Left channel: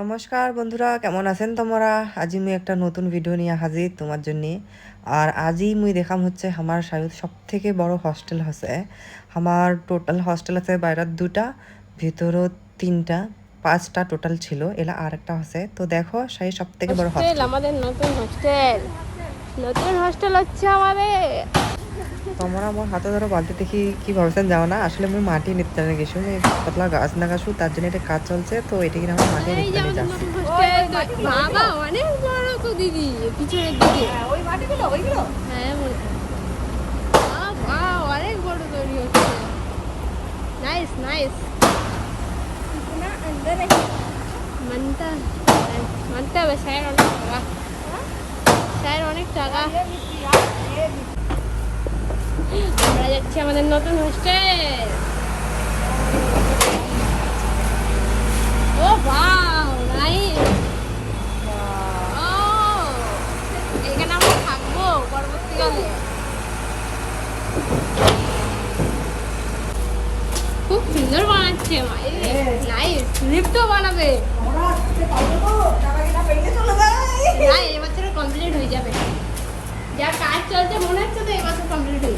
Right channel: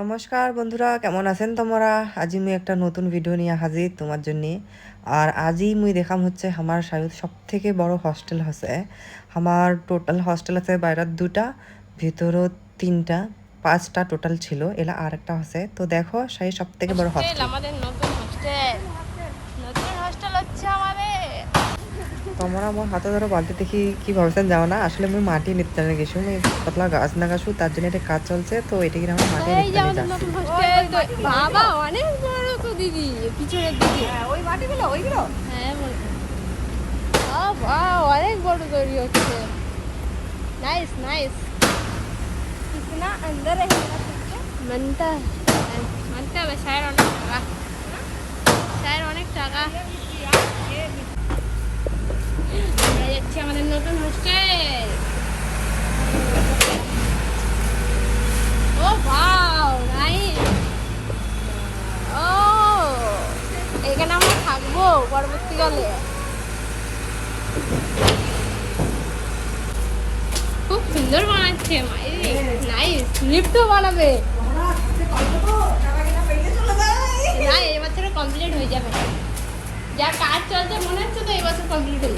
নমস্কার বন্ধুরা কেমন আছেন তোমরা? আজি মুই একটা নতুন ভিডিও নিয়ে হাজির তোমার জন্য। আর আজি মুই দেখাম হচ্ছে আমার সায়ুদ সব থেকে বড় হস্টেল আছে আমার টোটাল হস্টেল আছে বাইরের দুটা ভিতরও তিনটা পাঁচটা টোটাল ছিল। এলা আর একটা আছে তো দেখো সেই সব থেকে বড় হস্টেল আমাদের নতুন হোস্টেল নতুন হোস্টেল হচ্ছে আমাদের। তোমরা আমার হাতে ধরো বালতি দেখি কি ভাবছেন যাও না আসলে মুই মাটি নিতে গেছি মুই পাতলা গাছ না গাছু তার জন্য এটা কাজ চলছে তো এটা কিনা আমার মাটি এই যে নিতে আমাদের যাচ্ছি নতুন হোস্টেল বাবা অনেক বড় তো দিদি পিছনের দিকে ওই মাটিগুলো ওইগুলো হ্যাঁ মনে হয়। ও বাহ অনেক বড় তৈরি হচ্ছে নাইস নাইস कितना अंदर है মানতা মানতে হবে স্যার অনেক টাকা স্যার অনেক টাকা আমরা আমাদের নতুন হোস্টেল ও ও এখানে আমরা থাকব পরবর্তীকালে। খুব সুন্দর বানাচ্ছে লিফটও বানাবে। না কমপ্লিট হয়ে যাবে। যা কাজ চলছে মনে হচ্ছে তো এই বছর কমপ্লিট হয়ে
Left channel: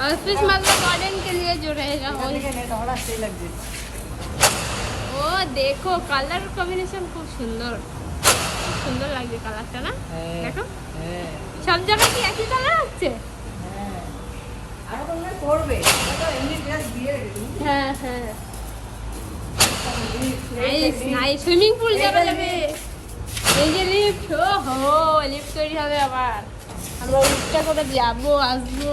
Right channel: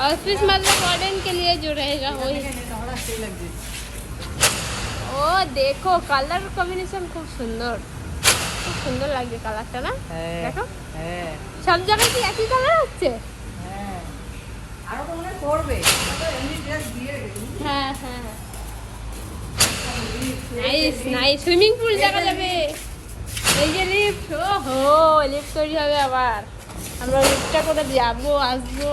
ऑफिस मतलब मॉडर्न के लिए जो रहेगा वो नहीं तो बड़ा सही लग जाए ও দেখো কালার কম্বিনেশন খুব সুন্দর খুব সুন্দর লাগছে কালারটা না হ্যাঁ। দেখো হ্যাঁ সব জায়গায় কি একই কালার হচ্ছে হ্যাঁ আরো তো মনে হয় করবে এটা তো এমনি ড্রেস দিয়ে রেখেছি হ্যাঁ হ্যাঁ নাইস নাইস সুইমিং পুল যাবে লাগে এই যে লিফট ও হো লিফট তৈরি হবে আবার আমরা লিফটটা করে যাবো আসবো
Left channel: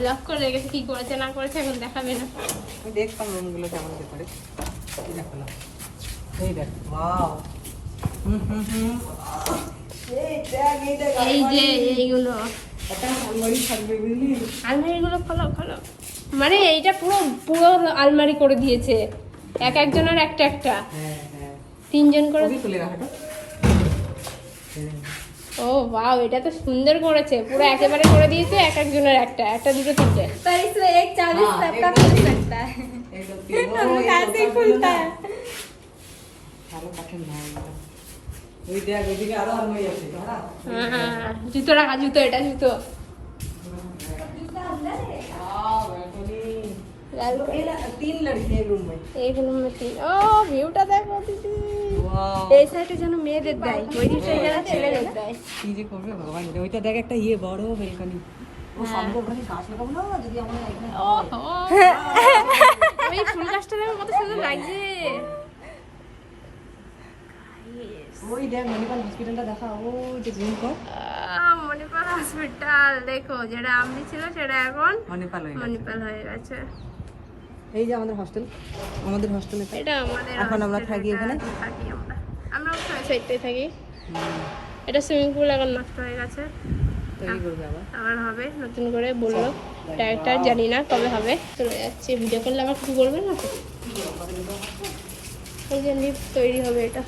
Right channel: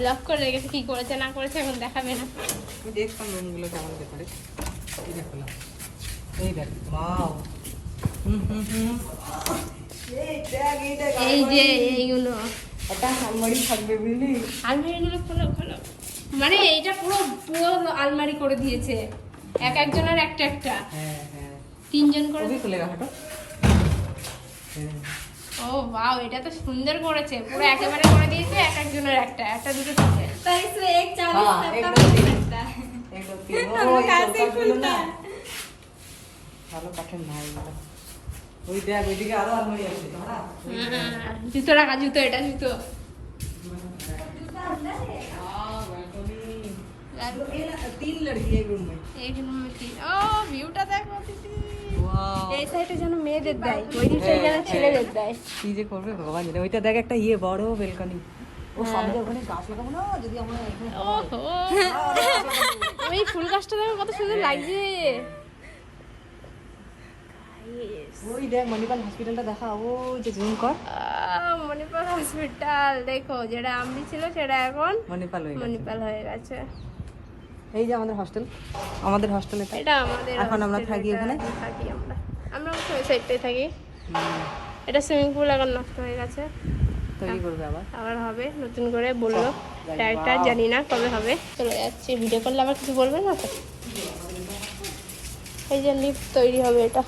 লক করে রেখেছে কি করেছে না করেছে এখন দেখাবে না। আমি দেখতাম রুমগুলো কেমন ভেতরে। এই দেখো এই দেখ ওয়াও। হুম হুম হুম। এই যে এইগুলো। আলমারিগুলো খোলো খোলো। মানে এইটা পুরো পুরো আলমারি করে দিয়েছে। এক একজনের একটা একটা। হ্যাঁ হ্যাঁ। তিনজন করে খুলে ও বাও এটা তো সুন্দর করেছে পুরো একেবারে করে দিয়েছে এক একজনের একটা একটা দুটো তিনটে पर इसमें एक हाँ, चालीस तक का एकदम मिल ठीक। सकता है একদম কি ও, हम लोग এই ऐसे ही দোকানগুলো खुलता না, है ভালো কাঠের নাই এটা। ওই দেখ ওইদিকে আরো আলমারি আছে দাঁড়া হ্যাঁ, জুতো রাখা জুতো এটা জুতো এক নম্বর তিন ও ভিউটা দেখো দিদি এই সাইডে যেন মেয়েদের দেয়। ওই দিকটা যেন ছেলেদের দেয়। কি যে করবে ভগবান ওইটা দেখ একটা ইয়ে বড় বেলকনি ও সামনে ওখানে গাছ লাগাবো না? যদি আমরা এখানে ওহো। এই ফুল গাছটা দেখো কত সুন্দর লাগছে। ওই দেখ মনিপাল হসপিটালটা দেখা। ওই যে গ্রিন কর মণিপাল হসপিটাল দেখো যেটা ছিল সেটা এখন মণিপাল হয়ে গেছে। এই যে আমাদের হস্টেল আমাদের হোস্টেলে এটা আমাদের এখন আমরা থাকি এখানে। ওখানে? থাকি আমরা। আমরা ওই সাইডটাই থাকি। এটা সুইমিং পুল এখন নষ্ট হয়ে গেছে। তৈরি করবে আবার? আবার হবে নতুন করে বলল। ডাইরেক্টর জানি না কবে হবে। চলে যাচ্ছি। ভিডিও করলে আবার কিছু বলবে না তো? এই যে লিফট তৈরি হবে এটা।